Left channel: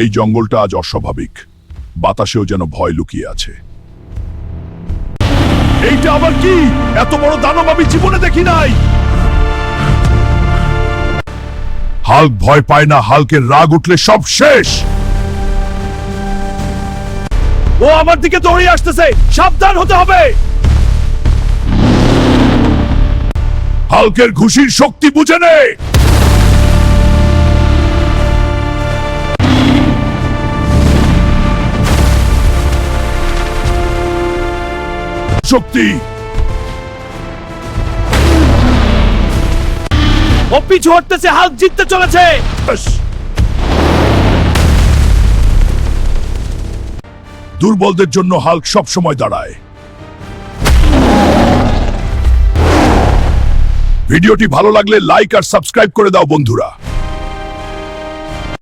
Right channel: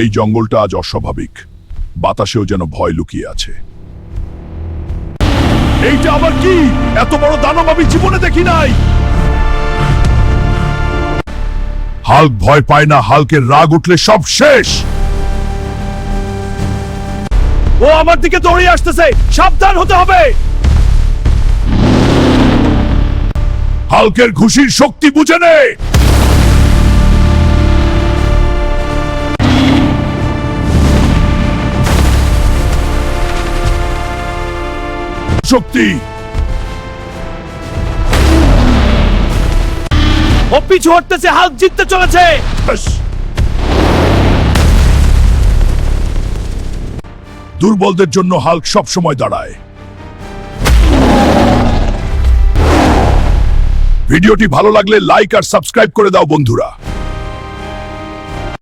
এই জঙ্গলটা আজ অস্বাভাবিক, বাতাসেও যেন ভয় লুকিয়ে আছে। এইটা আবার কি? এত বড় দানব আমি জীবনে দেখি নাই। হাল্ক ভয় পায় না, হাল্কের রাগ উঠলে সব শেষ। ও আমার দিকে দৌড়ে আসতেছে, সাবধান হতে হবে। হাল্কের ঘুষির শক্তি বুঝে নে। শক্তি ও পিছু হটতেছে, হাল্ক জিততে চলেছে। দুর্বলদের জন্য হাল্ক সব সময় দাঁড়ায়। ভিডিওটি ভালো লাগলে লাইক আর সাবস্ক্রাইব করে দাও বন্ধুরা।